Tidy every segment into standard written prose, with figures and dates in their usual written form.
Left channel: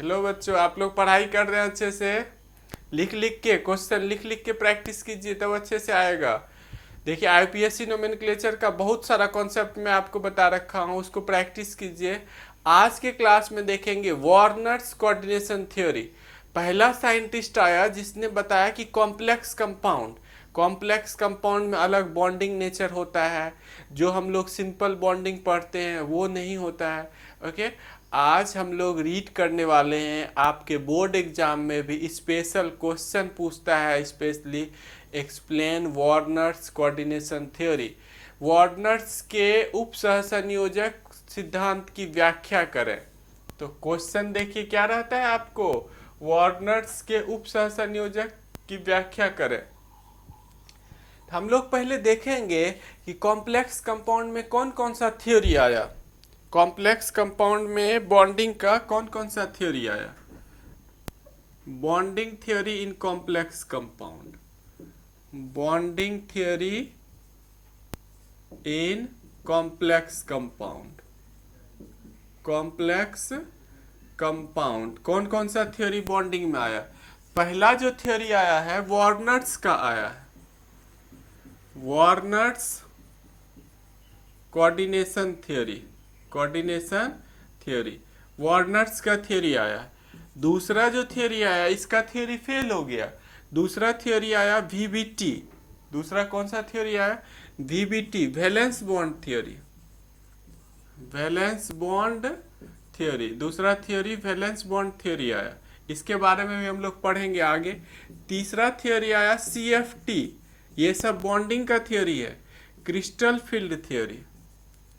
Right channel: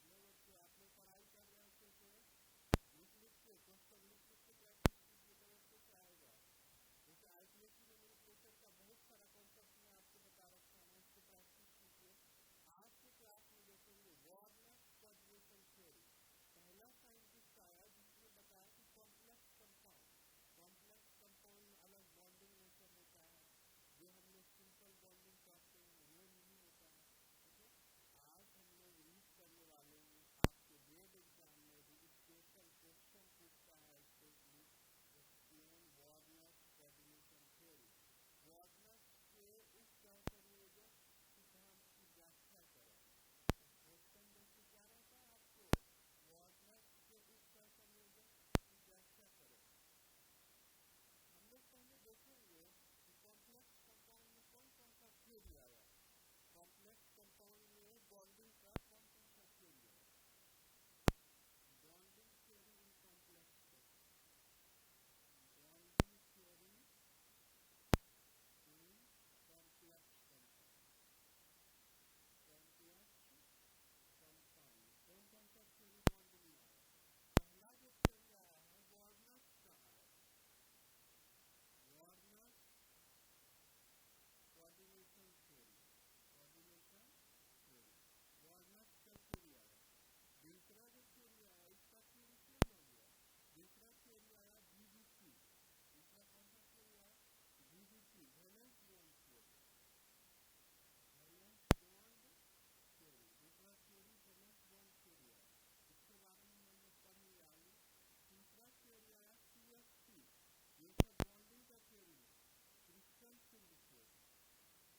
Hello बच्चों, आप लोग पढ़ाई कर रहे हैं अच्छे से? लिख लिख के क्वेश्चन लिख लिख के प्रैक्टिस कीजिए, तब अच्छे से आएगा। देखिए, आईपीएससी नोमेनक्लेचर का बहुत सारा कॉन्सेप्ट मैं आपको बता रखा हूँ, उसको प्रैक्टिस कीजिए। आज के क्लास में देखेंगे वार्नर्स कोऑर्डिनेशन थ्योरी। पहला साइंटिस्ट आया जिसने बताया कि कॉम्प्लेक्स कंपाउंड में अलग बॉन्डिंग नेचर होता है, जो हम लोग सिंपल बॉन्डिंग पढ़ते हैं वो नहीं होता है। ओके, आज हम लोग रीड करने वाले हैं। आपके बोर्ड एग्जाम में भी स्पेशल क्वेश्चन पूछता है, specially explain Warners coordination theory. Warners के उप सहसंयोजक सिद्धांत की व्याख्या करें। तो क्वेश्चन देखिए क्या रहता है आपको, वार्नर्स के उप सहसंयोजक की व्याख्या करें। हम लोग पहले देखेंगे कि कॉम्प्लेक्स कंपाउंड में कौन कौन सा थ्योरी आया। कॉम्प्लेक्स कंपाउंड में बॉन्डिंग का कौन कौन सा थ्योरी आया। Bonding theory in complex compound, bonding theory in complex compound, complex compound कौन कौन सा थ्योरी बॉन्डिंग में आया। पहला जो थ्योरी आया है वार्नर्स का आया है, Warners coordination theory, coordination theory, Warners का थ्योरी आया। दूसरा जो थ्योरी आया, इसका थ्योरी फेल हो गया। दूसरा थ्योरी आया वीबीटी। दूसरा कौन सा थ्योरी आया, VBT, valence bond theory, valence bond theory. दूसरा थ्योरी वैलेंस बॉन्ड थ्योरी आया, इसके बारे में भी हम लोग पढ़ेंगे आगे। तीसरा थ्योरी आया सीएफटी, ये सब बॉन्डिंग का थ्योरी है। Crystal field theory,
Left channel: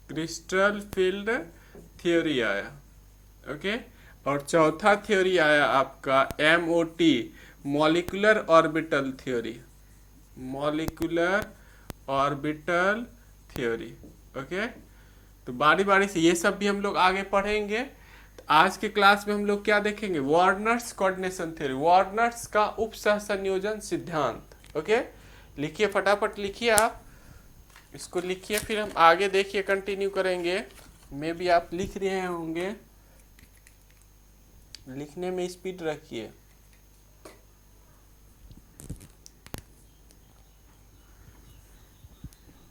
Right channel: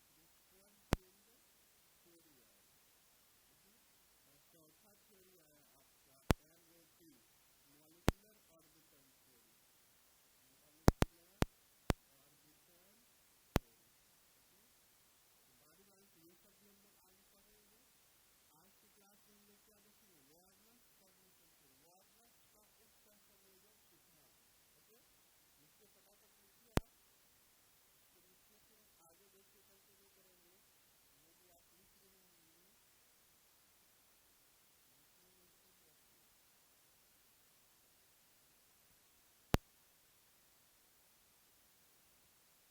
crystal field theory आया। ओके, और चौथा थ्योरी आया आपका MOT, molecular orbital theory, molecular orbital theory. Okay, तो बारी बारी से ये सब भी हम लोग आगे पढ़ेंगे। तो आज के क्लास में हम लोग क्या देखेंगे, वार्नर्स कोऑर्डिनेशन थ्योरी, वार्नर्स का उप सहसंयोजन सिद्धांत। ओके, लिखिए, फटाफट लिखिए, आप इसको लिखिए, फिर हम आगे देखिए कंटिन्यू करेंगे। मे भी आप लिख रहे होंगे, लिखने में स्पीड रखिए।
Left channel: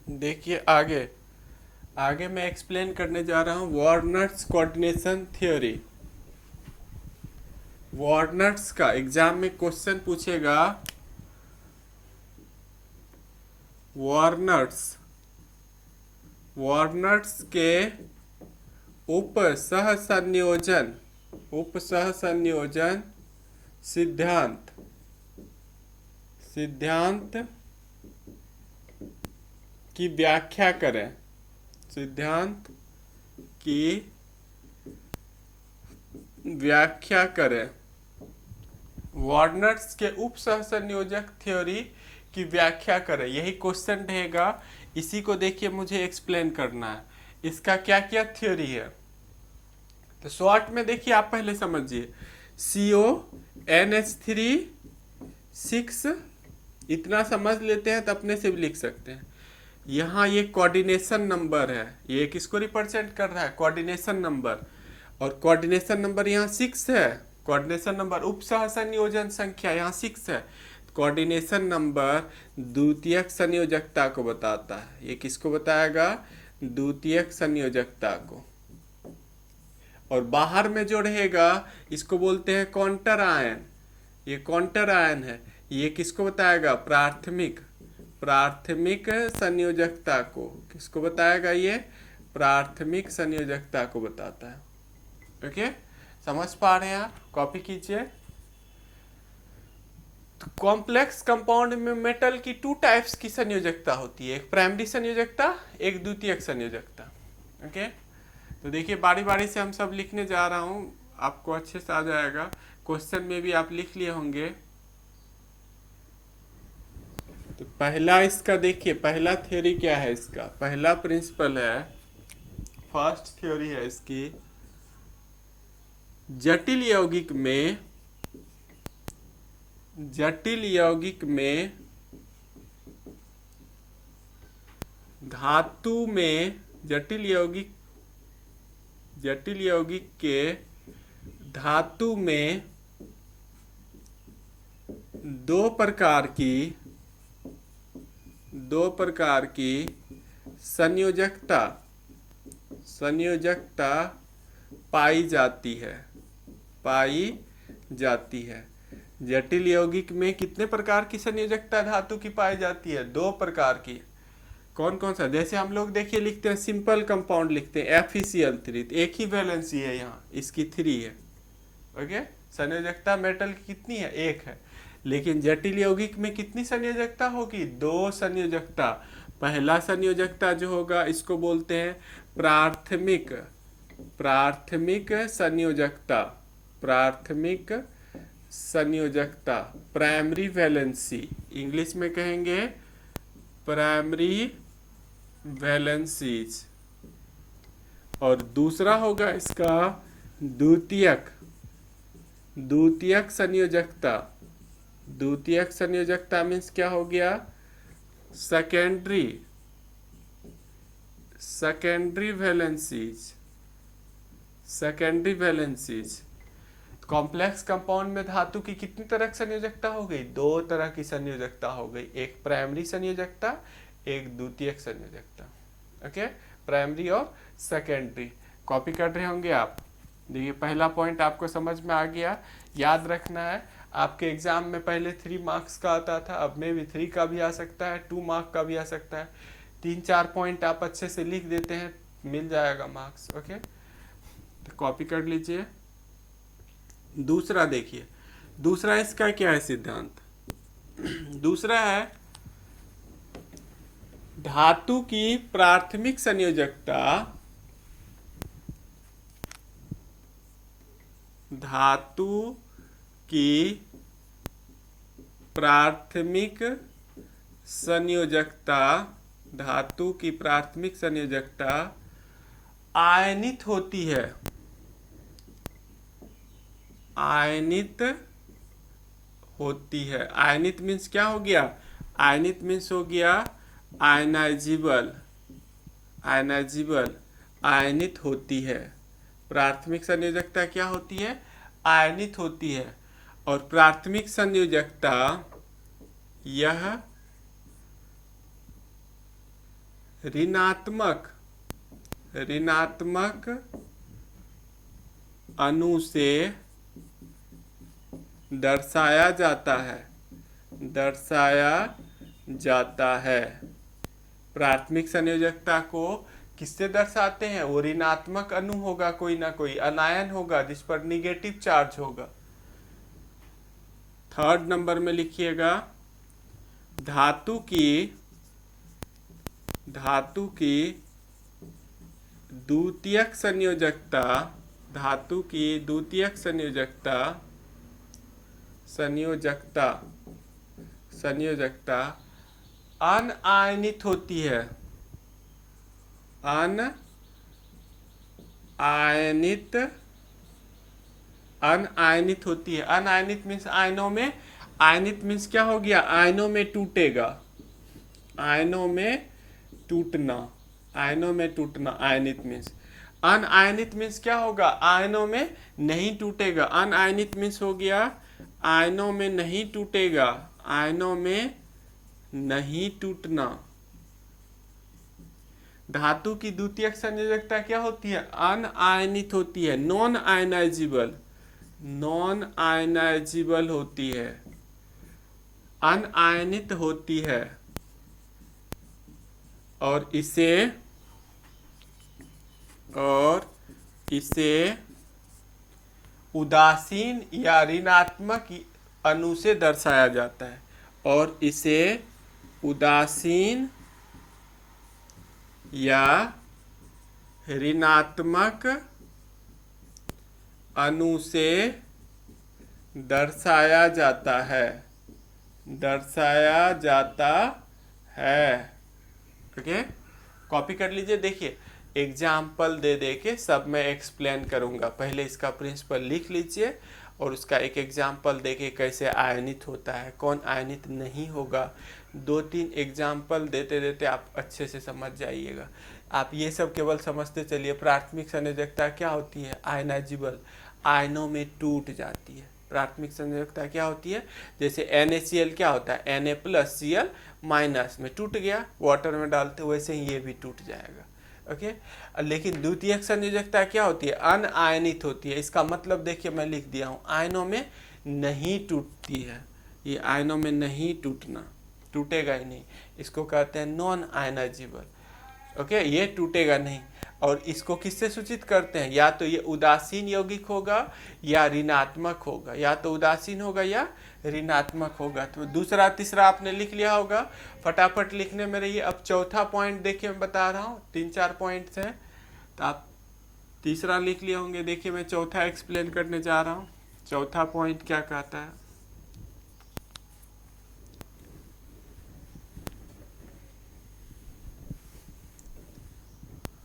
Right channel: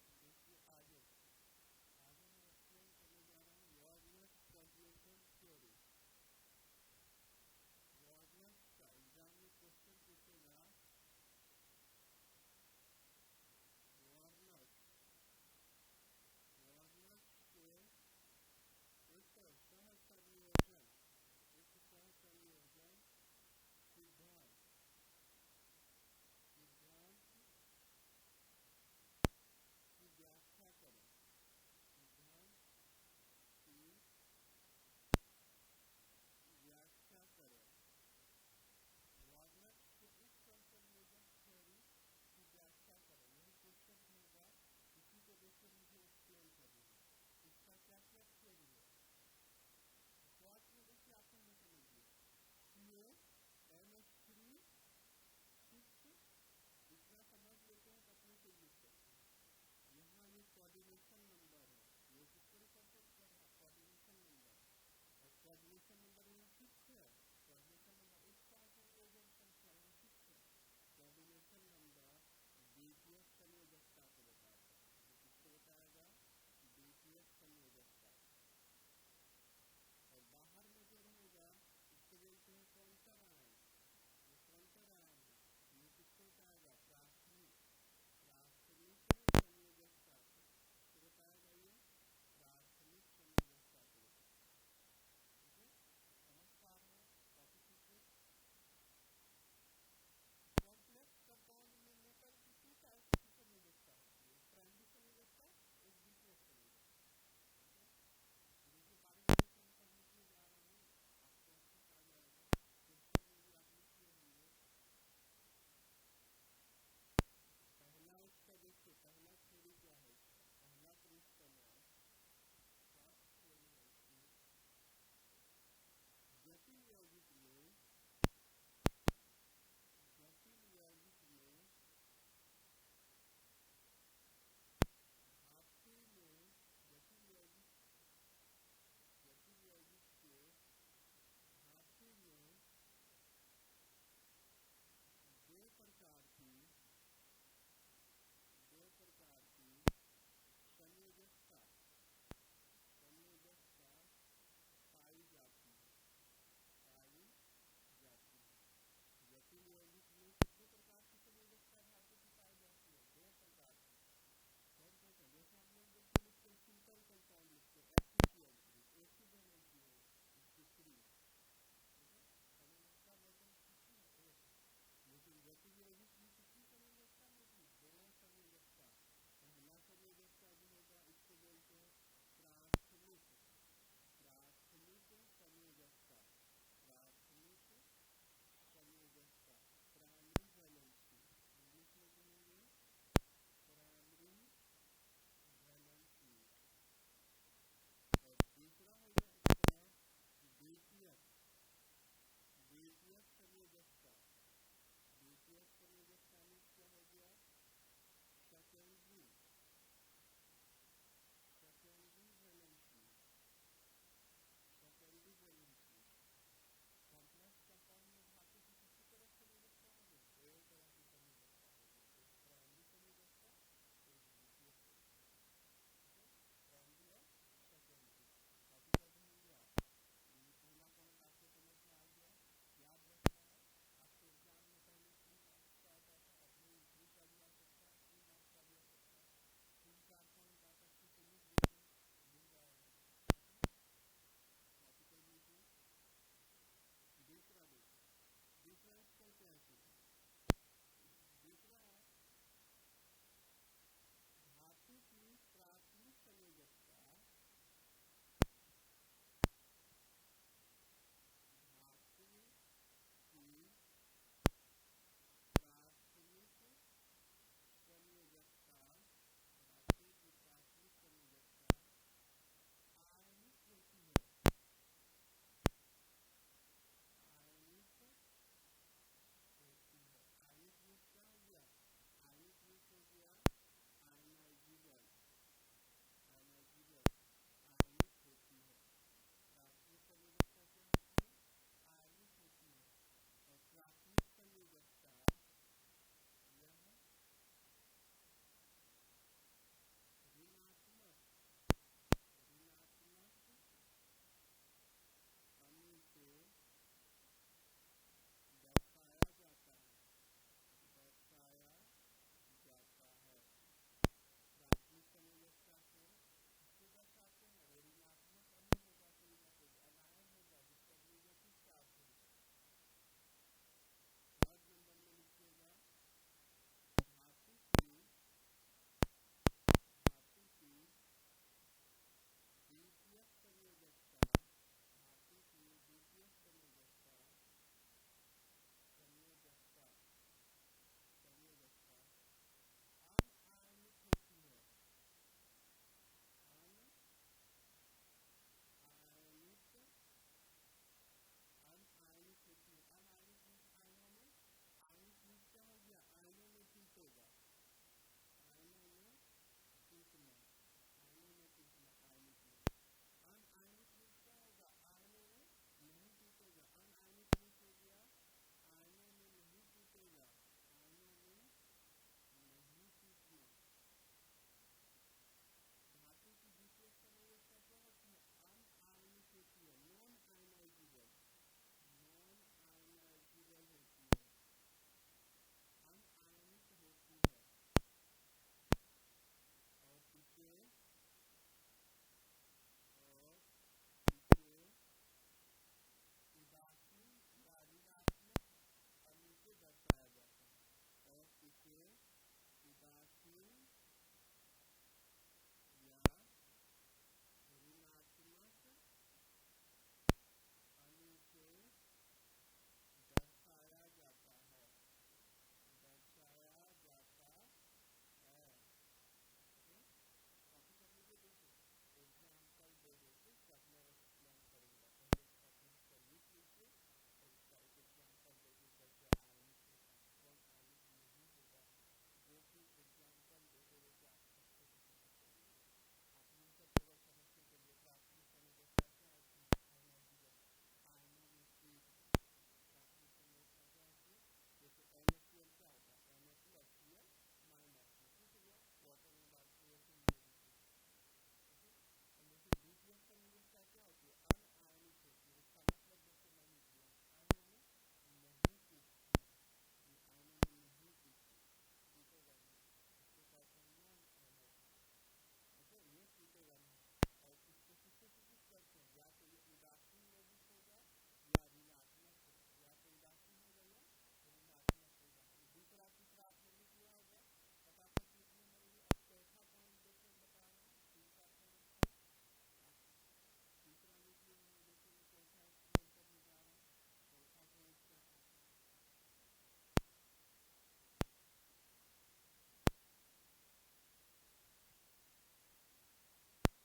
देखिए आगे, आगे मैं एक्सप्लेन करने जा रहा हूँ वार्नर्स कोऑर्डिनेशन थ्योरी। वार्नर्स का एग्जाम में क्वेश्चन पूछेगा, वार्नर्स, वार्नर्स के उप सहसंयोजन, उप सहसंयोजन सिद्धांत, सिद्धांत की व्याख्या करें, सिद्धांत की व्याख्या करें। वार्नर्स के उप सहसंयोजक थ्योरी की व्याख्या करें, यही क्वेश्चन रहेगा। इसी को देखिए मुझे एक्सप्लेन करना है, इसका क्या क्या थ्योरी है। तो शॉर्ट में देखिए, आप पहले समझिए, CONH3 6, इतना समझ लेते हैं तो अपने से भी लिख सकते हैं। यहाँ ये कोऑर्डिनेशन नंबर है, ये किसको रिप्रेजेंट कर रहा है, कोऑर्डिनेशन नंबर। और कोऑर्डिनेशन नंबर यहाँ 6 है, कोऑर्डिनेशन नंबर उप सहसंयोजन संख्या यहाँ 6 है। कोऑर्डिनेशन नंबर द्वितीयक संयोजकता को बताता है, ये किसको बताएगा, द्वितीयक संयोजकता को। और बाहर में जो रहेगा इसको बोलते हैं काउंटर आयन, ये काउंटर आयन है, ये किसको बताएगा, प्राथमिक, प्राथमिक संयोजकता को। किसको बताएगा, ये प्राथमिक संयोजकता को बताता है। ओके, समझ पा रहे हैं आप, कॉपी कीजिए। कॉम्प्लेक्स कंपाउंड में मेटल की 2 टाइप्स की संयोजकता होती है, एक प्राइमरी संयोजकता, एक द्वितीयक संयोजकता। ओके, तो देखिए बारी बारी से हम सब लिखने जा रहा हूँ, आपको अच्छे से आ जाएगा। क्वेश्चन में भी आप लिख लिए होंगे। तो पहला इसका देखिए, पहला थ्योरी क्या है, इसका पहला प्रिंसिपल है, फर्स्ट थ्योरी है इसकी, जटिल यौगिक में, जटिल यौगिक में धातु में, जटिल यौगिक, जटिल यौगिक के धातु में दो प्रकार की संयोजकता पाई जाती है। जटिल यौगिक में कितने प्रकार की संयोजकता धातु की पाई जाती है? दो प्रकार की। कौन कौन सा? जैसे हम लोग देखिए लिखते हैं सिंपल कंपाउंड लिखते हैं FeCl3, तो एक ही वैलेंसी है, यहाँ इसकी 3 है। ओके, संयोजकता मेटल की कितनी है? 1 है। लेकिन जटिल यौगिक में कितनी संयोजकता होगी? 2 संयोजकता। पहला संयोजकता जो होगा इसको बोलते हैं प्राथमिक संयोजकता, प्राइमरी वैलेंसी, इंग्लिश में कहेंगे प्राइमरी वैलेंसीज। और दूसरा होगा इसका द्वितीयक संयोजकता मीन्स क्या हो गया? Secondary valencies. कॉम्प्लेक्स कंपाउंड में धातु की कितनी तरह की संयोजकता हो गई? 2 तरह की संयोजकता हो गई, एक प्राइमरी संयोजकता, एक द्वितीयक संयोजकता। ओके, प्राइमरी और सेकेंडरी। कॉपी कर रहे होंगे आप। देखिए पहला पॉइंट आपको समझ में आ गया। याद रखना है, आपके एग्जाम में पहले 3 मार्क्स का आता था, अब में भी 3 का भी आ सकता है, 2 मार्क का भी आ सकता है। 3-4 पॉइंट आप अच्छे से लिख देते हैं, मिल जाएगा मार्क्स। ओके, तो कॉपी कर लीजिए। दूसरा देखिए, दूसरा इसका क्या है सिद्धांत? दूसरा है धातु की प्राथमिक संयोजकता धातु की प्राथमिक संयोजकता आयनित होती है। आयनित मीन्स क्या हो गया? आयनित मीन्स हो गया आयनाइजेबल। आयनित होती है। प्राथमिक संयोजकता क्या होती है? आयनित होती है। और प्राथमिक संयोजकता यह ऋणात्मक अणु से दर्शाया जाता है। प्राथमिक संयोजकता को किससे दर्शाते हैं? वो ऋणात्मक अणु होगा, कोई ना कोई अनायन होगा जिस पर निगेटिव चार्ज होगा। 3rd नंबर में लिखिएगा, धातु की द्वितीयक संयोजकता अनआयनित होती है। अनआयनित होती है। अनआयनित मीन्स आयनों में, आयनित मीन्स क्या हो गया? आयनों में टूटेगा, आयनों में टूटना। आयनित मीन्स। अनआयनित मीन्स क्या होगा? आयनों में नहीं टूटेगा। अनआयनित मीन्स हो गया आयनों में नहीं टूटेगा, आयनों में नहीं टूटना। धातु की द्वितीयक संयोजकता क्या होती है? अनआयनित होती है, नॉन आयनाइजेबल होती है, अनआयनित होती है। और इसे उदासीन या ऋणात्मक अणु से दर्शाया जाता है। और इसे उदासीन या ऋणात्मक अणु से दर्शाया जाता है। ओके, कॉपी कर लीजिए। देखिए एग्जाम्पल दे के सब मैं एक्सप्लेन करूंगा। पहले इसका प्रिंसिपल लिख लीजिए और उसका एक एग्जाम्पल देके कैसे आयनित होता है, कौन आयनित नहीं होगा। 2-3 एग्जाम्पल देते आप अच्छे से समझ जाइएगा। आप ये सब केवल समझते चलिए। प्राथमिक संयोजकता क्या होती है? आयनाइजेबल। आयनों में टूट जाती है। प्राथमिक संयोजकता क्या होती है, जैसे NaCl क्या होता है, Na+Cl माइनस में टूट गया, वाटर में डालते वैसे ही ये भी टूट जाएगा। ओके, लेकिन द्वितीयक संयोजकता क्या होती है, अनआयनित होती है। इसका मतलब देखिए मैं लिख दिया हूँ, आयनों में नहीं टूटती है, ये आयनों में नहीं टूटना, टूटेगा ही नहीं, इसको कहते हैं नॉन आयनाइजेबल। ओके, ये टूटेगा नहीं। और इसको किससे सूचित करते हैं, या तो ये उदासीन यौगिक होगा या ऋणात्मक होगा, या तो उदासीन होगा या ऋणात्मक होगा। तो दूसरा तीसरा आपने लिख लिया होगा, फटाफट लिखने में रहिए। अब चौथा पॉइंट देखिए, मैं बता रहा हूँ 3-4 पॉइंट्स हैं, तो आप तीसरा लिख लिए होंगे। देखिए मैं चौथा एक्सप्लेन करने जा रहा हूँ। चौथा पॉइंट क्या कहता है,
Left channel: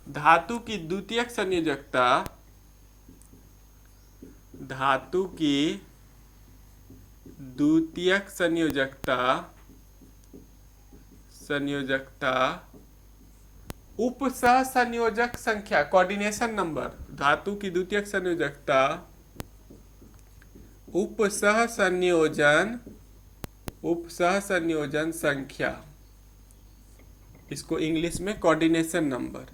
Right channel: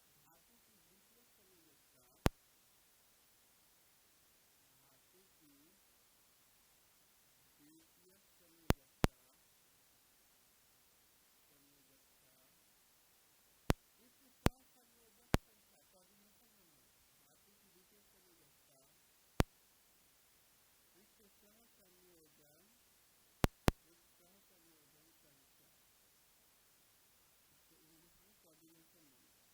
धातु की द्वितीयक संयोजकता, धातु की द्वितीयक संयोजकता उपसह संयोजक संख्या, कोऑर्डिनेशन नंबर, धातु की द्वितीयक संयोजकता उपसह संयोजन संख्या, इसको इंग्लिश में कोऑर्डिनेशन नंबर,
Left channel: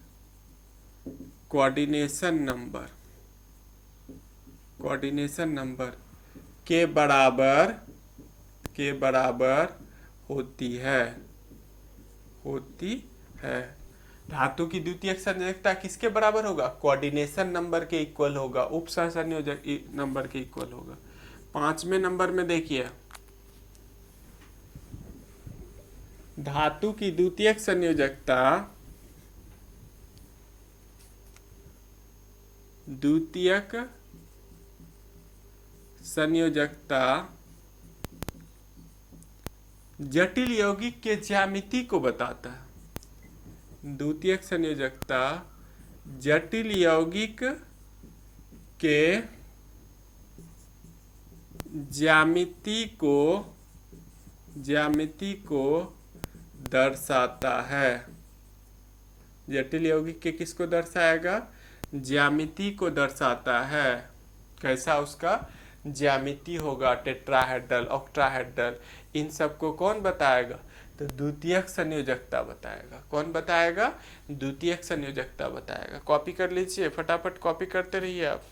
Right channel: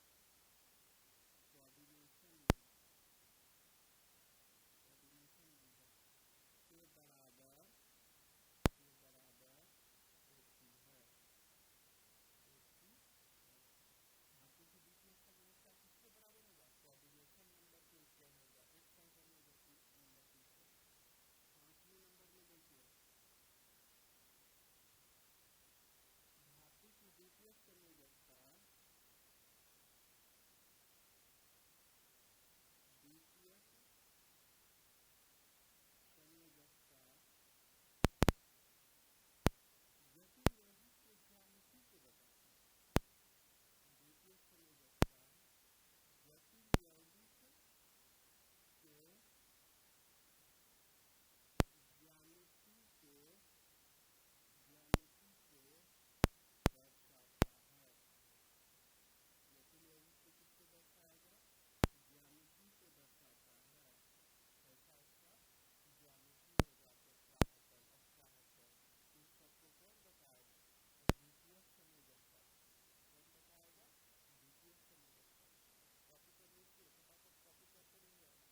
कोऑर्डिनेशन नंबर के बराबर होती है। धातु की द्वितीयक संयोजकता किसके बराबर होगा, कोऑर्डिनेशन नंबर के इक्वल होगा, उपसह संयोजक नंबर के इक्वल होगा। 5वें नंबर में देखिए, धातु की द्वितीयक संयोजकता जटिल यौगिक के ज्यामिति को बताता है। द्वितीयक संयोजकता जटिल यौगिक के ज्यामिति को दर्शाता है। जटिल यौगिक के किसको दर्शाएगा, ज्यामिति को दर्शाता है। कैसा उसका ज्यामिति होगा, टेट्राहेड्रल, ऑक्टाहेड्रल, इन सबको कौन बताएगा, तो द्वितीयक संयोजकता बताएगा। कौन बताएगा, द्वितीयक संयोजकता बताएगा। कॉपी कर लीजिए, फटाफट कॉपी करते रहिए आप।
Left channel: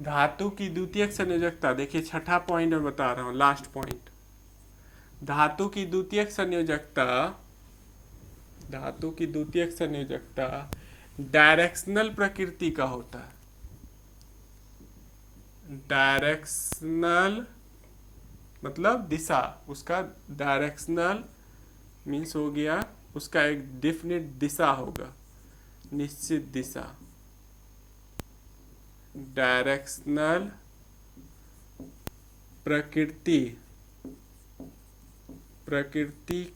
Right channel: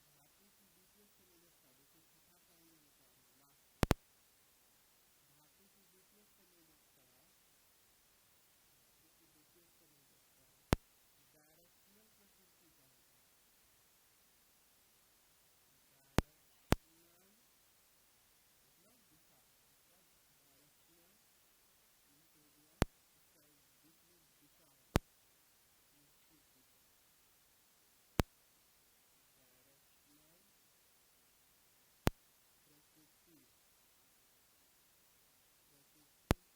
धातु की द्वितीयक संयोजकता, देखिए छठा पॉइंट में बता रहा हूं, लास्ट पॉइंट। धातु की द्वितीयक संयोजकता डायरेक्शनल प्रकृति का होता है। डायरेक्शनल मतलब दिशा, उसका डायरेक्शनल मीन्स हो गया उसका एक डेफिनेट दिशा होगा, निश्चित दिशा। डायरेक्शनल प्रकृति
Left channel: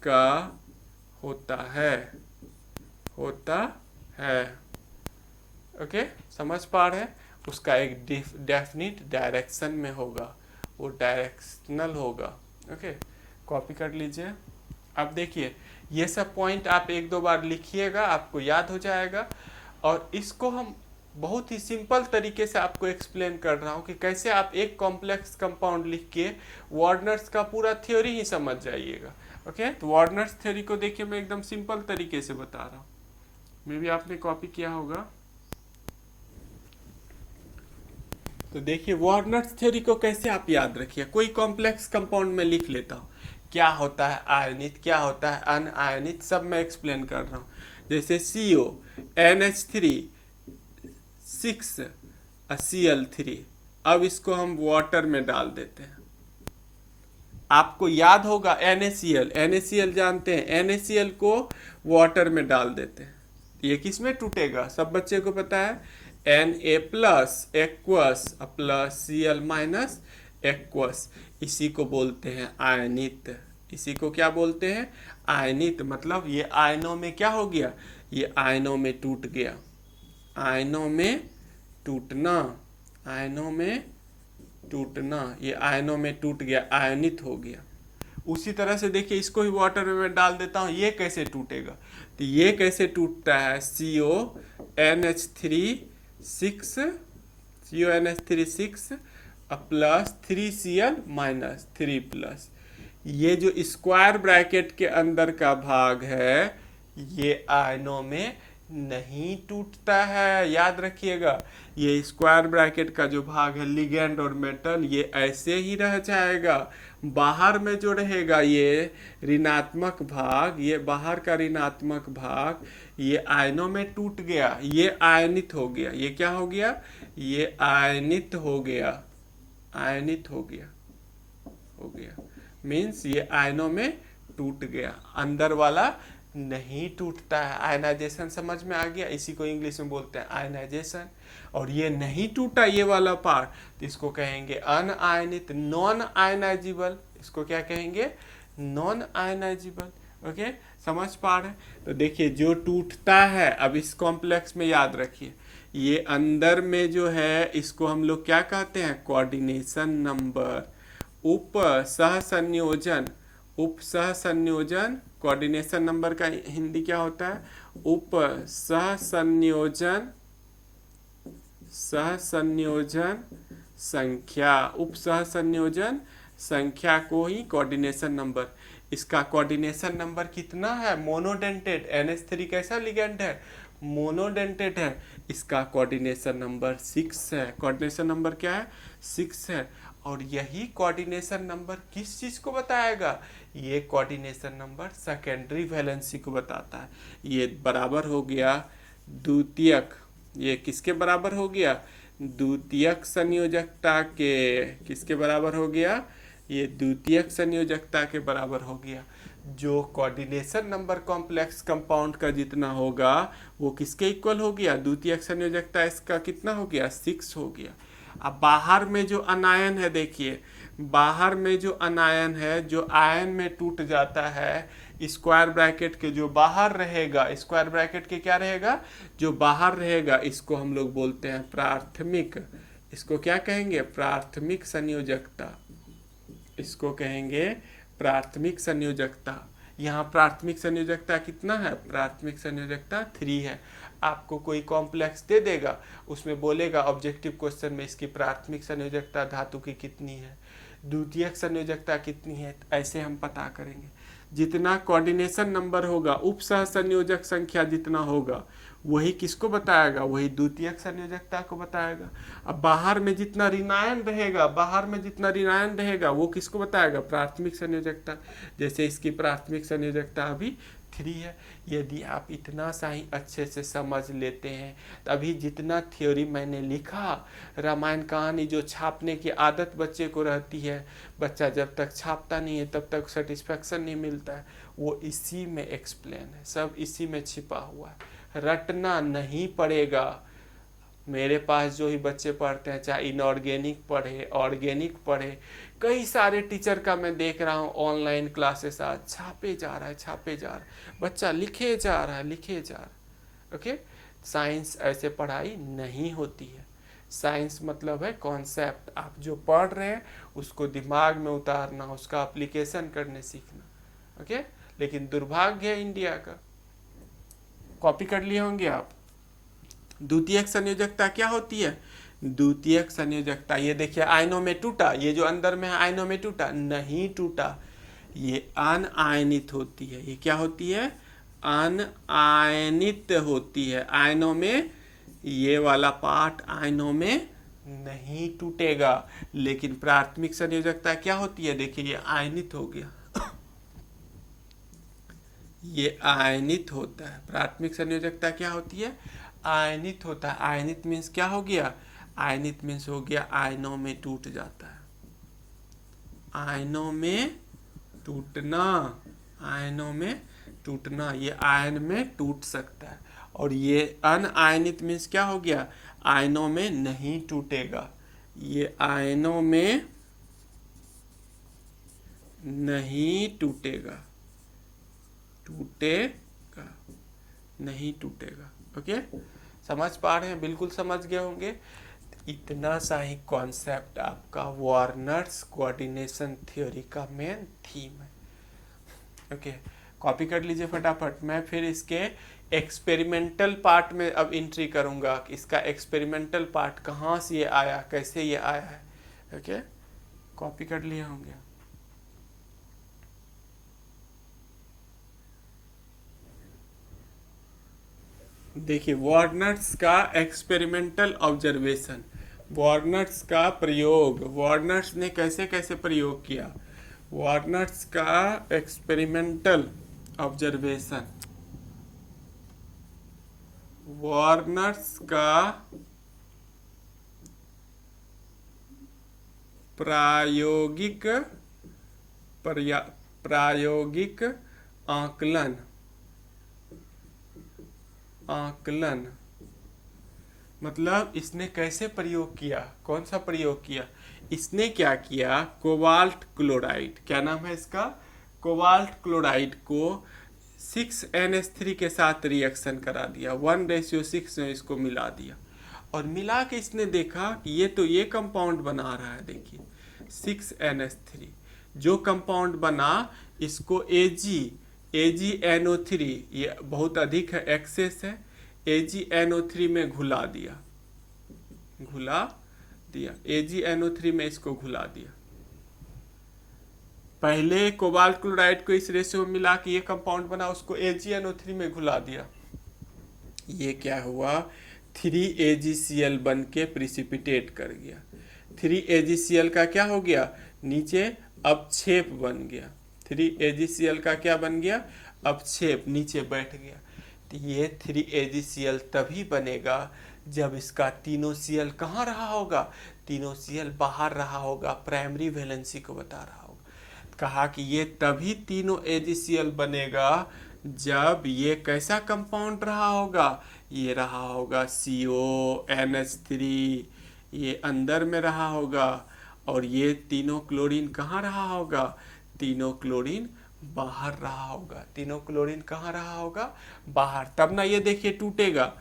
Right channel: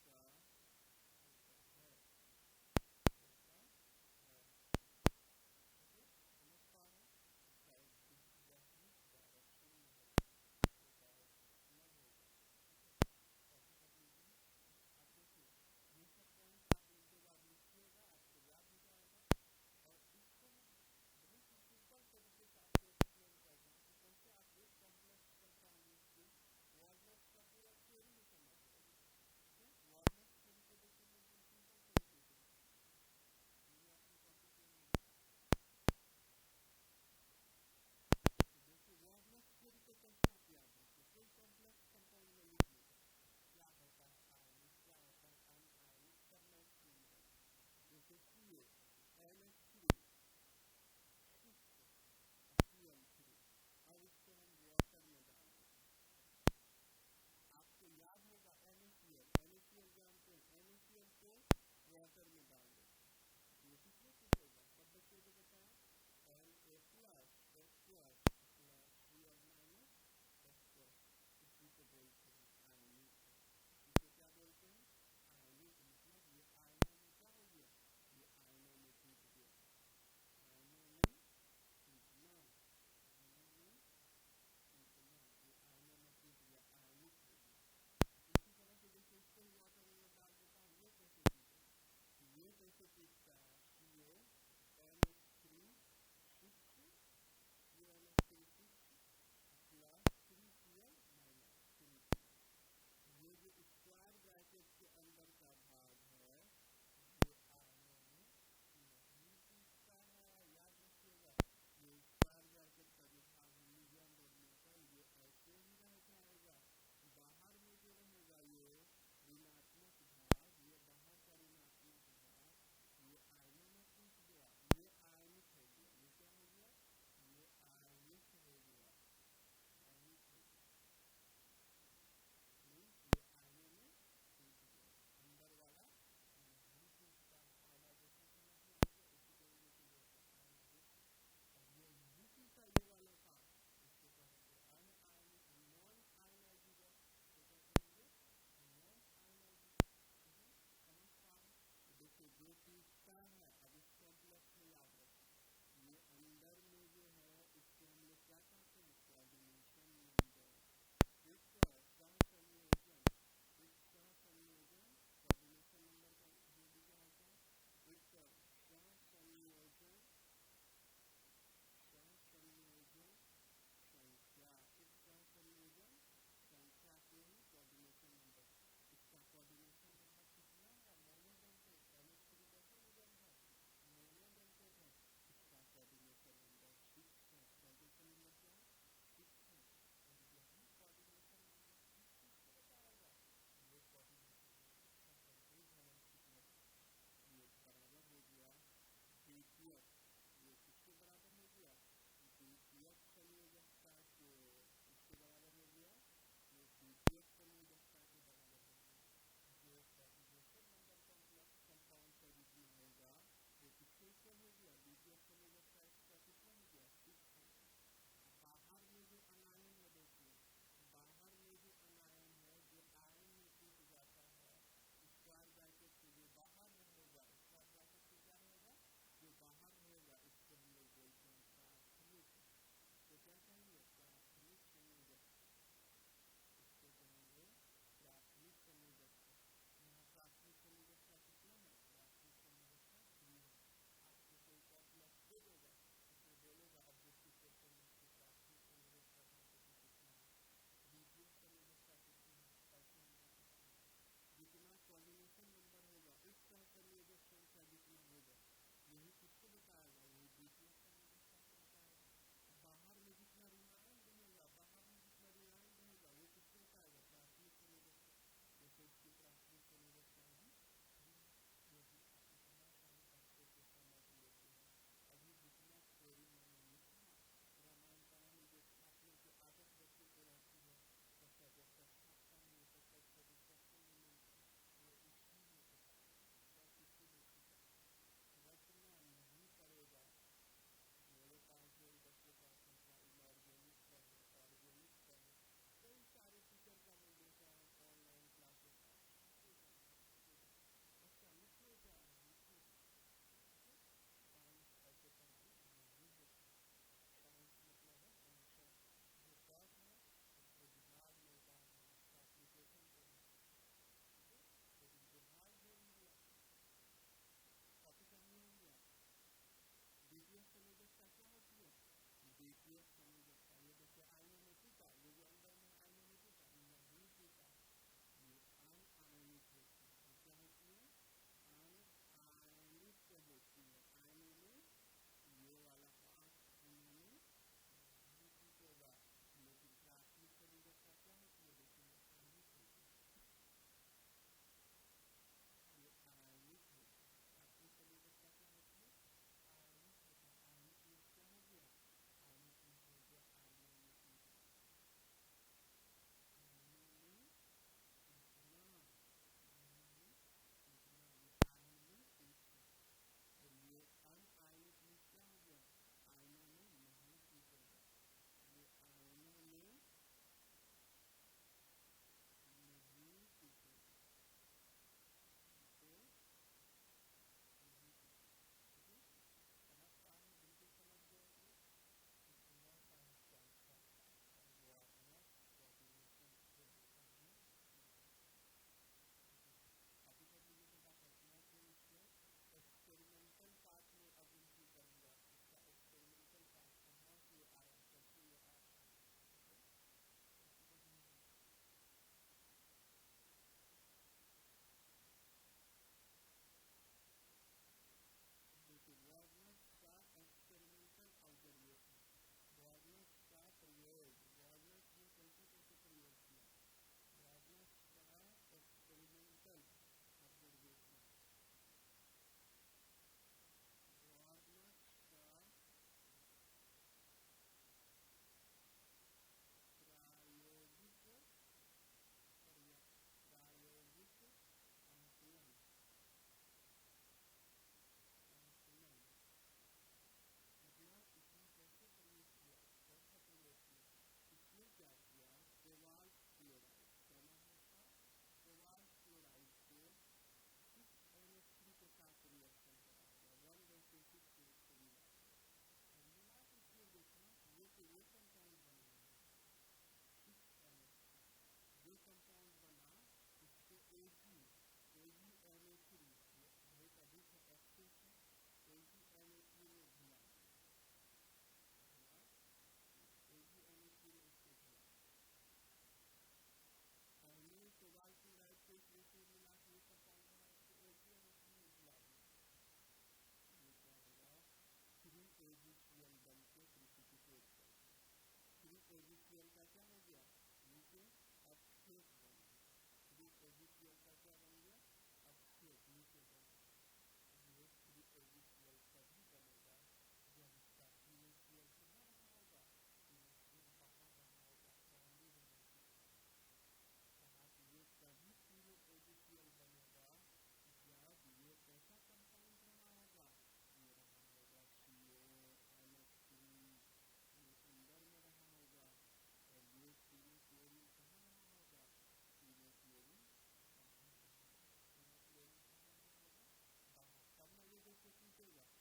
का होता है। ओके, समझ पा रहे हैं, उसका एक डेफिनिट डायरेक्शन में होगा, वो डायरेक्शनल होगा। ओके, कॉपी कर लीजिए। अब देखिए ये सब पॉइंट आप 1-2 बार लिखिएगा, आपको याद हो जाएगा। और इसको हम बहुत ही सिंपल तरीके से आपको एक्सप्लेन कर रहा हूँ कि कैसे आप एक कॉम्प्लेक्स कंपाउंड लिख के वार्नर्स का पूरा थ्योरी ही समझ जाइएगा। ओके, तो वार्नर्स थ्योरी को देखिए मैं एकदम सिंपल तरीके से बता रहा हूँ, मे भी आपने कॉपी किया होगा। तो देखिए वार्नर्स थ्योरी को कैसे आप याद रखिए, कोई कॉम्प्लेक्स कंपाउंड में लिख लेता हूँ, क्या होता है आयनित, क्या होता है अनआयनित, सब मैं एक्सप्लेन कर रहा हूँ। जैसे CO NH3 6Cl3, अब इसको हम वाटर में डाल देते हैं। आपको याद होगा NaCl जानते हैं, NaCl को वाटर में डाल देते हैं, ये किस में टूटेगा, सब बच्चे को पता है, Na+ aqueous plus Cl- aqueous, इसी को बोलते हैं आयनित। इसी को क्या बोलते हैं, आयनित। मतलब ये आयनों में क्या हो गया, ये आयनों में टूट गया। आयनों में टूटना, आयनों में टूटना, ये आयनों में टूट गया, आयनित हो गया। उसी तरह से देखिए इसको ही वाटर में मैं डाल देता हूँ, ये कैसे टूटेगा, तो ये कैसे टूटता है, CONH3 6 plus 3Cl minus 3 plus, ये जो स्क्वायर ब्रैकेट के अंदर का भाग है ये आयनों में नहीं टूटता है, याद रखिएगा। ये स्क्वायर ब्रैकेट का जो भाग है लिगेंड और मेटल, ये ऐसे ही रह जाएगा। बाहर में जो रहेगा ये ऋणात्मक भाग, ये बाहर का ऋणात्मक भाग ये आयनों में टूट गया, ये आयनित हो गया। ये क्या हो गया, ये आयनित हो गया, आयनित हो गया, हो गया मीन्स ये आयनों में टूट गया, अंदर वाला नहीं टूटता है। आयनाइजेशन समझ में आ गया, इसी को इंग्लिश में बोलते हैं आयनाइजेशन। और ये नहीं टूटा ये वाला पार्ट, तो इसको कहेंगे अनआयनित, नॉन आयनाइजेबल। इसको क्या कहेंगे, नॉन आयनाइजेबल। ओके, समझ पा रहे हैं। तो देखिए जो टूटता है, अब इस कॉम्प्लेक्स में याद रखिए ये अंदर में जो है इसको हम लोग क्या कहते हैं, कोऑर्डिनेशन नंबर। उप सहसंयोजन, उप सहसंयोजन, कोऑर्डिनेशन नंबर का हिंदी क्या होता है, उप सहसंयोजन, सहसंयोजन संख्या, उप सहसंयोजन संख्या को ही कोऑर्डिनेशन नंबर। इसका कोऑर्डिनेशन नंबर कितना है, मोनोडेंटेड, NH3 कैसा लिगेंड है, मोनोडेंटेड है, इसका कोऑर्डिनेशन नंबर 6 है। कोऑर्डिनेशन नंबर क्या है, 6 है। और यही कोऑर्डिनेशन नंबर किस चीज को बताएगा, ये कोऑर्डिनेशन नंबर सेकेंडरी वैलेंसी को बताता है। ये बराबर हो गया द्वितीयक, ये किसके बराबर हो गया, द्वितीयक संयोजकता के, किसके बराबर हो गया, ये द्वितीयक संयोजकता के बराबर हो गया। जो कोऑर्डिनेशन नंबर कॉम्प्लेक्स कंपाउंड का जितना होगा वो किसके इक्वल हो गया, द्वितीयक संयोजकता इसका कितना हो गया, 6 हो गया। अब बाहर में जो अनायन है, देखिए बाहर में जो अनायन है जो आयन में टूट जाता है, स्क्वायर ब्रैकेट के जो बाहर रहेगा, स्क्वायर ब्रैकेट के क्या रहेगा, जो बाहर रहेगा, इसको हम लोग बोलते हैं प्राथमिक। इसको क्या कहेंगे, प्राथमिक संयोजकता, इसको कहेंगे प्राथमिक संयोजकता। यहाँ प्राथमिक संयोजकता कितना है, प्राथमिक संयोजकता 3 है। आपको कोई कॉम्प्लेक्स दे देगा, उसमें बोलेगा ऑब्जेक्टिव क्वेश्चन में इसकी प्राथमिक संयोजकता धातु की कितनी है, द्वितीयक संयोजकता कितनी है, ऐसे हम पता करेंगे। जितना कोऑर्डिनेशन नंबर होगा, उप सह संयोजक संख्या जितना होगा वही किसको बताएगा, वही द्वितीयक संयोजकता को बताएगा। अब बाहर में जितना ऋणायन रहेगा, बाहर में जितना ऋणायन रहेगा वो किसको बताएगा, प्राथमिक संयोजकता। जैसे इसकी प्राथमिक संयोजकता अभी 3 है। यदि आप इतना सा ही अच्छे से समझ लेते हैं, तभी जितना थ्योरी मैंने लिखा, रामायण कहानी जो छापने की आदत बच्चे को रहती है, बच्चा जब तक छापता नहीं है तब तक सेटिस्फेक्शन नहीं मिलता है, वो इसी में एक्सप्लेन है, सब इसी में छिपा हुआ है, रटना नहीं पड़ेगा। मेरे पास जो ही बच्चे पढ़ते हैं, चाहे इनऑर्गेनिक पढ़े, ऑर्गेनिक पढ़े, कई सारे टीचर का मैं देख रहा हूँ ऑनलाइन क्लासेस आज छापे जा रहा है, छापे जा रहा है, बच्चा लिखे जा रहा है, लिखे जा रहा है। ओके, साइंस ऐसे पढ़ाई नहीं होती है। साइंस मतलब है कॉन्सेप्ट, आप जो पढ़ रहे हैं उसको दिमाग में उतारना, उसका एप्लीकेशन करने सीखना। ओके, लेकिन दुर्भाग्य है इंडिया का, कॉपी कर लिए होंगे आप। द्वितीयक संयोजकता क्या होती है, द्वितीयक संयोजकता, ये देखिए आयनों में टूटा, ये जो अंदर में है आयनों में टूटा, नहीं टूटा, ये अनआयनित होती है। ये क्या होती है, अनआयनित होती है। आयनों में, ये वाला पार्ट आयनों में नहीं टूटेगा। लेकिन प्राथमिक संयोजकता क्या होती है, देखिए ये आयनित हो गया, ये आयनित होता है। प्राथमिक संयोजकता क्या होती है, आयनित होता है। आयनित मीन्स क्या हो गया, आयनित मीन्स हो गया आयनों में टूट जाता है, आयनों में टूटना, आयनों में टूटना, ये आयन में टूट सकता है। और ये अनआयनित मीन्स क्या हो गया, आयनों में नहीं टूटेगा, ये आयनों में नहीं टूटेगा, टूटेगा नहीं टूटेगा। ओके, समझ पा रहे हैं? बिल्कुल समझ गए होंगे। इतना सा ही कॉन्सेप्ट आपका वार्नर्स कोऑर्डिनेशन थ्योरी का मेन थीम है। ओके, कॉपी कर लीजिए फटाफट। मैं फिर इसके एक्सपेरिमेंटल पार्ट में अब एंट्री करूंगा कि इसका एक्सपेरिमेंटल पार्ट कहाँ से ये आया, कैसे ये आया है। ओके, कॉपी कर लिए होंगे। देखिए, वार्नर्स का एक्सपेरिमेंटल ऑब्जर्वेशन, वार्नर्स का प्रयोग, वार्नर्स ने कैसे कैसे प्रयोग किया। वार्नर्स का एक्सपेरिमेंटल ऑब्जर्वेशन, वार्नर्स का प्रायोगिक प्रायोगिक आकलन, आकलन मतलब इसने कैसे प्रयोग किया, कौन सा प्रयोग किया। इसने क्या किया, कोबाल्ट क्लोराइड, क्या नाम है इसका, कोबाल्ट क्लोराइड को 6NH3 के साथ रिएक्शन करा दिया, 1:6 में इसको मिला दिया। और मिला के इसने देखा कि ये तो ये कंपाउंड बना रहा है। देखिए 6NH3 जो कंपाउंड बना, इसको AgNO3, ये बहुत अधिक है, एक्सेस है, AgNO3 में घुला दिया, AgNO3 में इसको घुला दिया। पहले कोबाल्ट क्लोराइड को इस रेशियो में मिला कि ये कंपाउंड बना, उसको AgNO3 में घुला दिया। ये क्या हुआ, 3AgCl बन के प्रिसिपिटेट कर गया। 3AgCl का क्या हो गया, नीचे अपक्षेप बन गया। 3AgCl का क्या बन गया, अपक्षेप, नीचे बैठ गया। तो ये 3AgCl तभी बनेगा जब इसका तीनों Cl कहाँ रहा होगा, तीनों Cl बाहर रहा होगा, प्राइमरी वैलेंसी को बता रहा होगा। कहा कि ये तभी तीनों AgCl बनेगा जब ये कैसा कंपाउंड रहा होगा, ये रहा होगा CONH3, ये अंदर में रहा होगा, और ये तीनों क्लोरीन कहाँ रहा होगा, तीनों क्लोरीन बाहर रहा होगा। तीनों क्लोरीन कहाँ रहा होगा, बाहर। तब ना ये देखिए टूटेगा।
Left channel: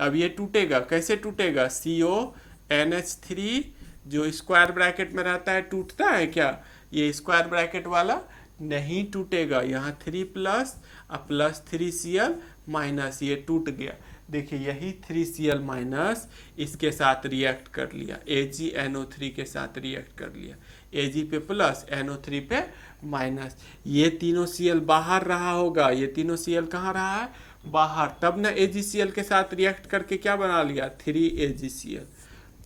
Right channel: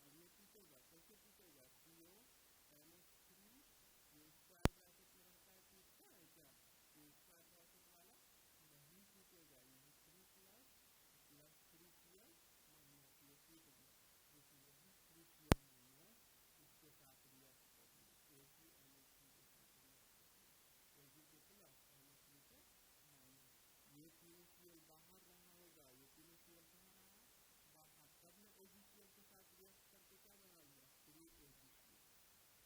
अब ये टूटेगा, कैसे टूटेगा, CONH3 जो स्क्वायर ब्रैकेट में रहता है टूटता है क्या, ये स्क्वायर ब्रैकेट वाला नहीं टूटेगा। यहाँ 3+ और +3Cl माइनस, ये टूट गया। देखिए यही 3Cl माइनस इसके साथ रिएक्ट कर लिया, AgNO3 के साथ रिएक्ट कर लिया, Ag पे प्लस, NO3 पे माइनस। ये तीनों Cl बाहर रहा होगा, ये तीनों Cl कहाँ रहा है, बाहर। तब ना AgCl के साथ रिएक्ट करके क्या बना लिया, 3AgCl।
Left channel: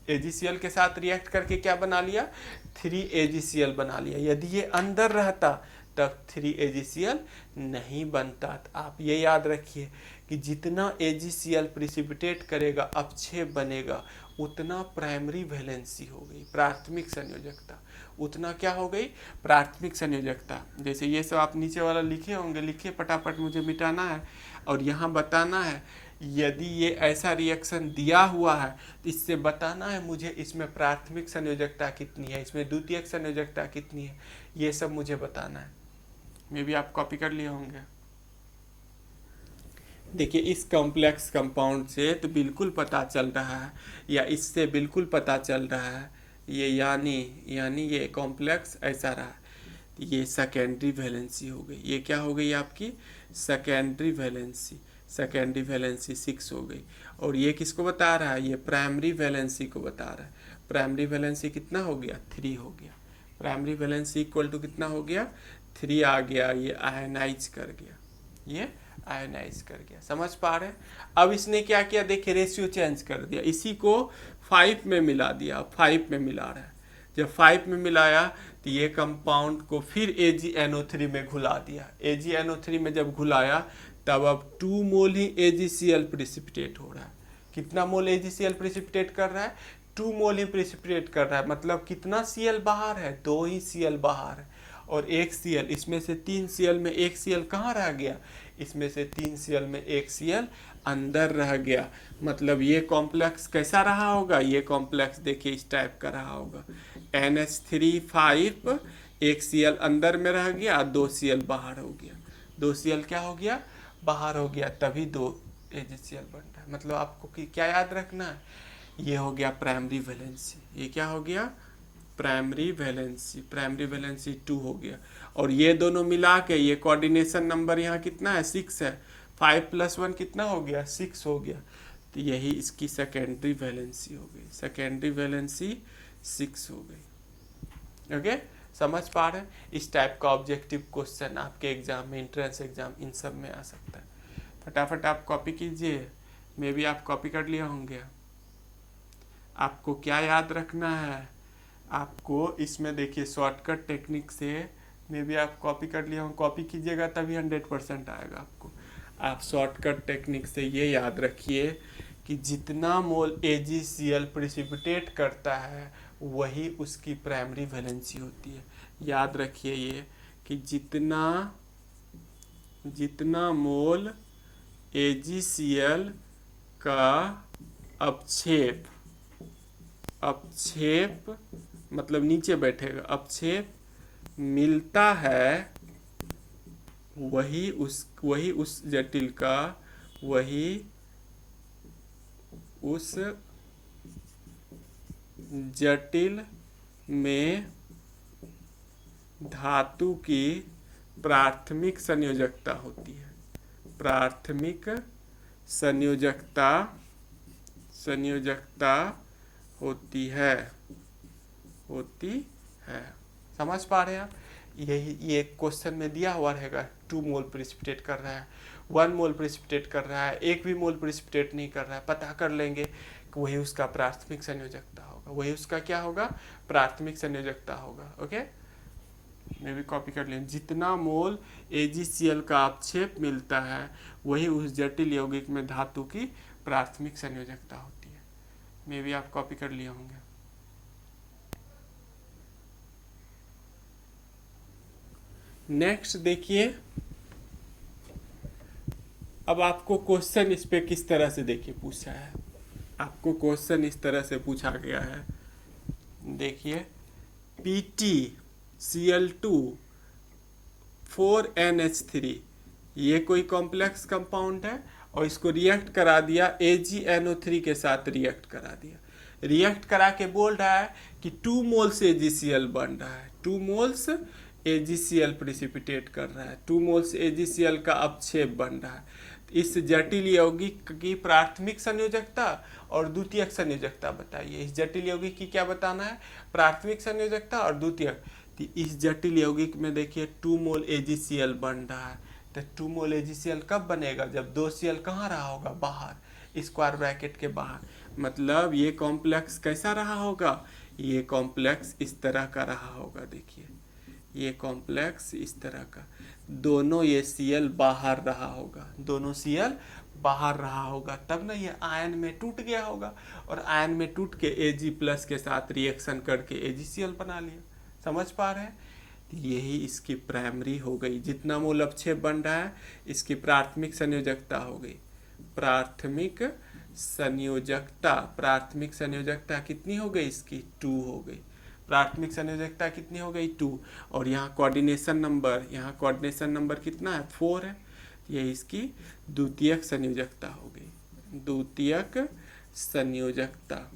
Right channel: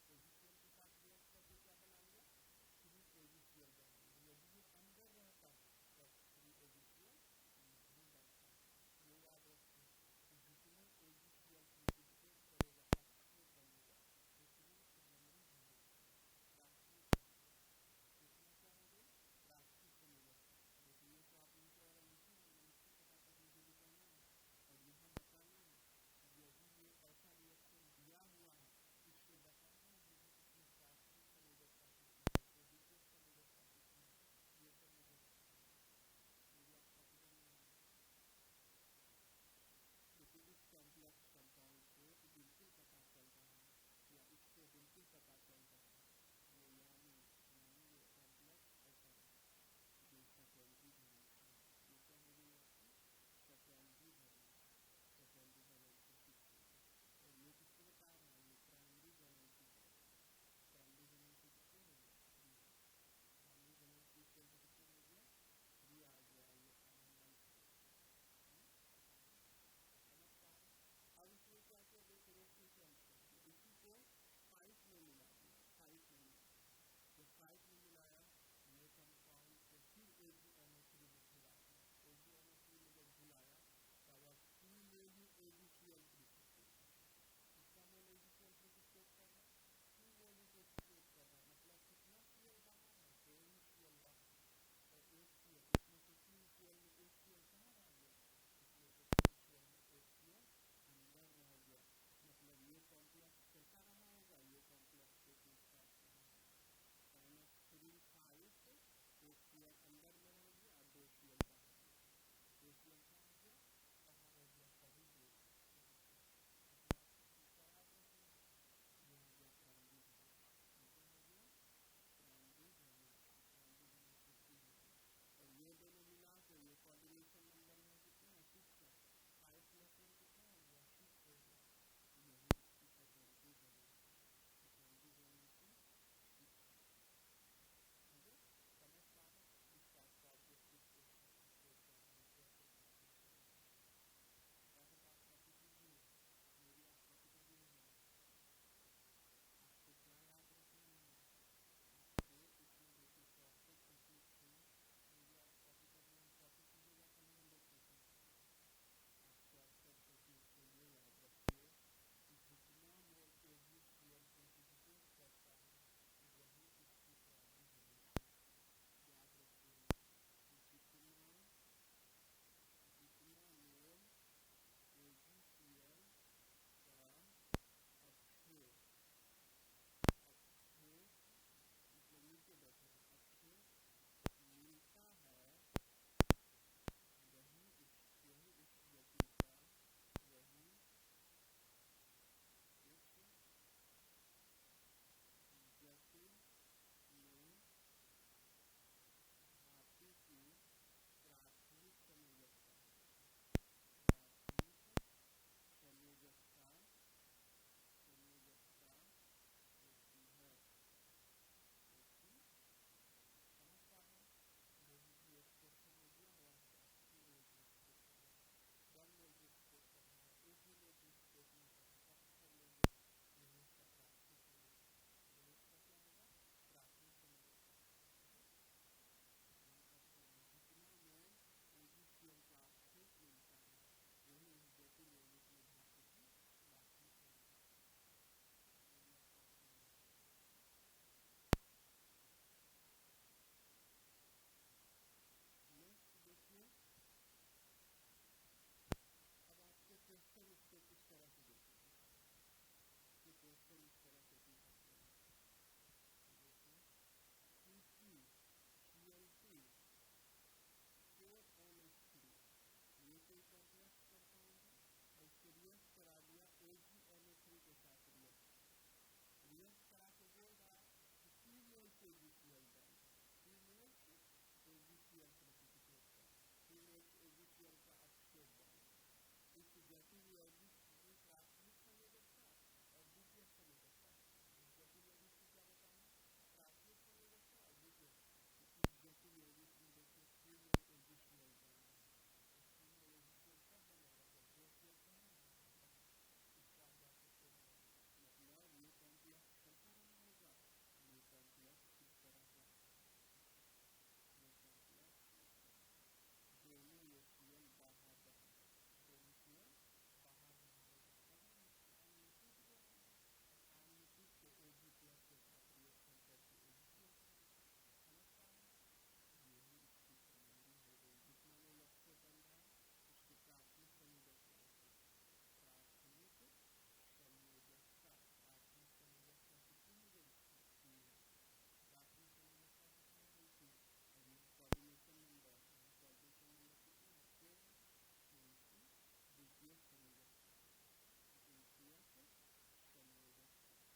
AgCl के साथ रिएक्ट करके क्या बना लिया, 3AgCl बना लिया। यदि ये अंदर रहता तब 3AgCl नहीं बनता। आप ये याद रखिए कि जितना AgCl प्रिसिपिटेट करेगा, अपक्षेप बनेगा, उतना प्राइमरी वैलेंसी हो गई, प्राथमिक संयोजकता, उतना क्या हो गई, प्राथमिक संयोजकता। जैसे ये सब आप नीचे वाला लिखे होंगे, लिखिए फटाफट, मुझे मिटाना है। और यहाँ बताना है, यदि ये ऐसा रिएक्शन दिया हुआ है तो इससे बताना है मुझे इसमें प्राथमिक संयोजकता कितनी है, इसमें द्वितीयक संयोजकता कितनी है, ये सब मुझे बताना है। मे भी आप कॉपी कर लिए होंगे। देखिए इस कॉम्प्लेक्स कंपाउंड से तो बिल्कुल पता चल रहा है, या इससे बिल्कुल पता चल रहा है, ये यानी ये कॉम्प्लेक्स ऐसा रहा, ये सेकेंडरी वैलेंसी हो गई। ये क्या हो गई आपकी, सेकेंडरी वैलेंसी, सेकेंडरी वैलेंसी 6 हो गई। और ये किसको बता रहा है, ये प्राइमरी वैलेंसी को बता रहा है। प्राइमरी वैलेंसी कितना हो गया, 3 हो गया। प्राइमरी वैलेंसी इक्वल टू कितना हो गया, 3 आ गया। ये आयनाइज कर गया, ये आयनाइज कर गया। समझ पा रहे हैं। अब इसने क्या किया, देखिए रेशियो चेंज कर दिया, इसी को 5 में मिला दिया, 5 में मिला रहा है। जब 5 में मिलाया तो ये कंपाउंड को फिर AgNO3 में घुला दिया। AgNO3 में जब घुलाया तब अब 2 मोल ही AgCl प्रिसिपिटेट हो रहा है। कितना मोल AgCl प्रिसिपिटेट कर रहा है, 2 मोल ही प्रिसिपिटेट कर रहा है। मतलब कितना Cl बाहर है, 2 ही Cl बाहर है, और 1 Cl, इसमें से 3 Cl में 1 Cl कहाँ रह गया, इसमें से 3 Cl में 1 Cl अंदर रह गया। मतलब ये कॉम्प्लेक्स कैसा रहा होगा, ये कॉम्प्लेक्स देखिए इस टाइप का रहा होगा, NH3 5, 1 Cl अंदर में रह गया, 2 Cl बाहर हो गया, 2 Cl क्या हो गया, बाहर हो गया, तभी 2 AgCl बन रहा है। मतलब आपको क्या याद रखना है, ये हो गया प्राइमरी वैलेंसी, ये क्या हो गया प्राइमरी वैलेंसी, प्राइमरी वैलेंसी 2 हो गया। और ये दोनों मिला के ये कोऑर्डिनेशन नंबर यहाँ कितना है 6 है, 5 + 1 कितना हो गया 6 हो गया। तो यही इसकी सेकेंडरी वैलेंसी हो गई, सेकेंडरी वैलेंसी 6 हो गई। ओके समझ पा रहे हैं? इस टाइप का ऑब्जेक्टिव क्वेश्चन आपके एग्जाम में, एंट्रेंस एग्जाम, इन सब में आ सकता है। फटाफट आप कॉपी कीजिए, मे भी आप कॉपी कर लिए होंगे। आपको क्या याद रखना है, आपको इसमें देखिए शॉर्टकट टेक्निक से, मे भी आप कॉपी कर लिए हों, कॉपी कीजिएगा तभी 100% आएगा आपको। आप शॉर्टकट टेक्निक से ये याद रखिए कि जितना मोल AgCl प्रिसिपिटेट करता है वही उसकी प्राइमरी वैलेंसी होती है। याद रखिए ये कि जितना मोल AgCl का अपक्षेप मतलब नीचे बैठेगा, अपक्षेप मिलता है वही उस जटिल का, वही उस जटिल में धातु की प्राथमिक संयोजकता होती है, प्राथमिक संयोजकता होती है। समझ पा रहे हैं आप? यही ये क्वेश्चन में दिया हुआ रहेगा, 2 मोल प्रिसिपिटेट कर रहा है, 1 मोल प्रिसिपिटेट कर रहा है, 1 भी मोल प्रिसिपिटेट नहीं कर रहा है, पता कर लेंगे कि वही उसका प्राथमिक संयोजकता होगा, वही उसका क्या होगा प्राथमिक संयोजकता होगा। ओके मैं भी कॉपी कर लें, जितना मोल AgCl का अपक्षेप मिलता है वही उस जटिल यौगिक में धातु की प्राथमिक संयोजकता होती है। मैं भी आप कॉपी कर लिए होंगे। नेक्स्ट देखिए, अब आपको क्वेश्चन इस पे किस तरह से देखिए पूछा है, आपको क्वेश्चन इस तरह से पूछा गया है। देखिए PtCl2 4NH3 ये कोई कॉम्प्लेक्स कंपाउंड है और इसको रिएक्ट करा दिया, AgNO3 के साथ रिएक्ट करा दिया, रिएक्ट करा के बोल रहा है कि 2 मोल्स AgCl बन रहा है, 2 मोल्स AgCl प्रिसिपिटेट कर रहा है, 2 मोल्स AgCl का अपक्षेप बन रहा है। इस जटिल यौगिक की प्राथमिक संयोजकता और द्वितीयक संयोजकता बताइए। इस जटिल यौगिक की क्या बताना है, प्राथमिक संयोजकता और द्वितीयक। इस जटिल यौगिक में देखिए 2 मोल AgCl बन रहा है, तो 2 मोल AgCl कब बनेगा, जब 2 Cl कहाँ रहा होगा, बाहर, स्क्वायर ब्रैकेट के बाहर। मतलब ये कॉम्प्लेक्स कैसा रहा होगा, ये कॉम्प्लेक्स इस तरह का रहा होगा। देखिए ये कॉम्प्लेक्स इस तरह का, दोनों ये Cl बाहर रहा होगा, दोनों Cl बाहर रहा होगा, तब ना ये आयन में टूट गया होगा, और आयन में टूट के Ag+ के साथ रिएक्शन करके AgCl बना लिया। समझ पा रहे हैं? यही इसकी प्राइमरी हो गई, जितना मोल अपक्षेप बन रहा है इसकी प्राथमिक संयोजकता हो गई, प्राथमिक संयोजकता कितनी हो गई इसकी 2 हो गई, प्राथमिक संयोजकता कितनी हो गई 2। और यहाँ कोऑर्डिनेशन नंबर कितना है 4 है, ये इसकी द्वितीयक संयोजकता हो गई, द्वितीयक संयोजकता,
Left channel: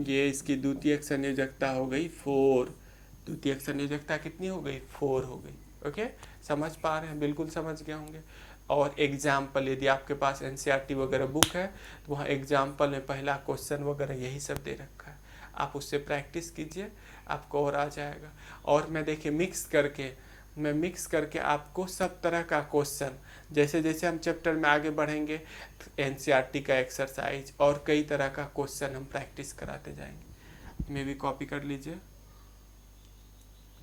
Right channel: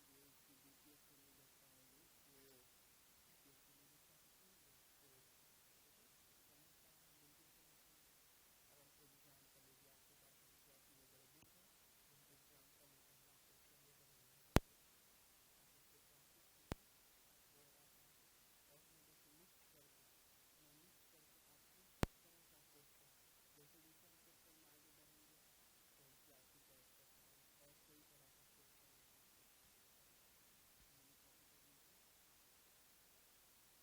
ये इसकी द्वितीयक संयोजकता हो गई 4, द्वितीयक संयोजकता कितनी हो गई 4 हो गई। ओके समझ पा रहे हैं, बिल्कुल समझ गए होंगे। और एग्जाम्पल, यदि आपके पास NCERT वगैरह बुक है तो वहाँ एग्जाम्पल में पहला क्वेश्चन वगैरह यही सब दे रखा है, आप उससे प्रैक्टिस कीजिए, आपको और आ जाएगा। और मैं देखिए मिक्स करके आपको सब तरह का क्वेश्चन, जैसे जैसे हम चैप्टर में आगे बढ़ेंगे NCERT का एक्सरसाइज और कई तरह का क्वेश्चन हम प्रैक्टिस कराते जाएंगे। मैं भी कॉपी कर लीजिए।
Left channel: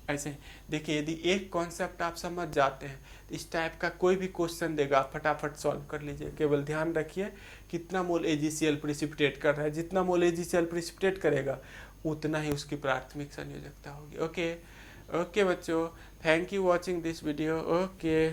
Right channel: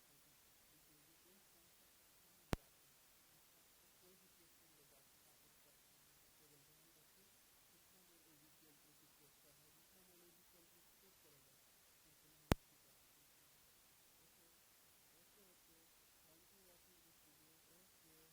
ऐसे देखिए, यदि एक कॉन्सेप्ट आप समझ जाते हैं तो इस टाइप का कोई भी क्वेश्चन देगा आप फटाफट सॉल्व कर लीजिए। केवल ध्यान रखिए कितना मोल AgCl प्रिसिपिटेट कर रहा है, जितना मोल AgCl प्रिसिपिटेट करेगा उतना ही उसकी प्राथमिक संयोजकता होगी। ओके बच्चों, thank you watching this video. Okay.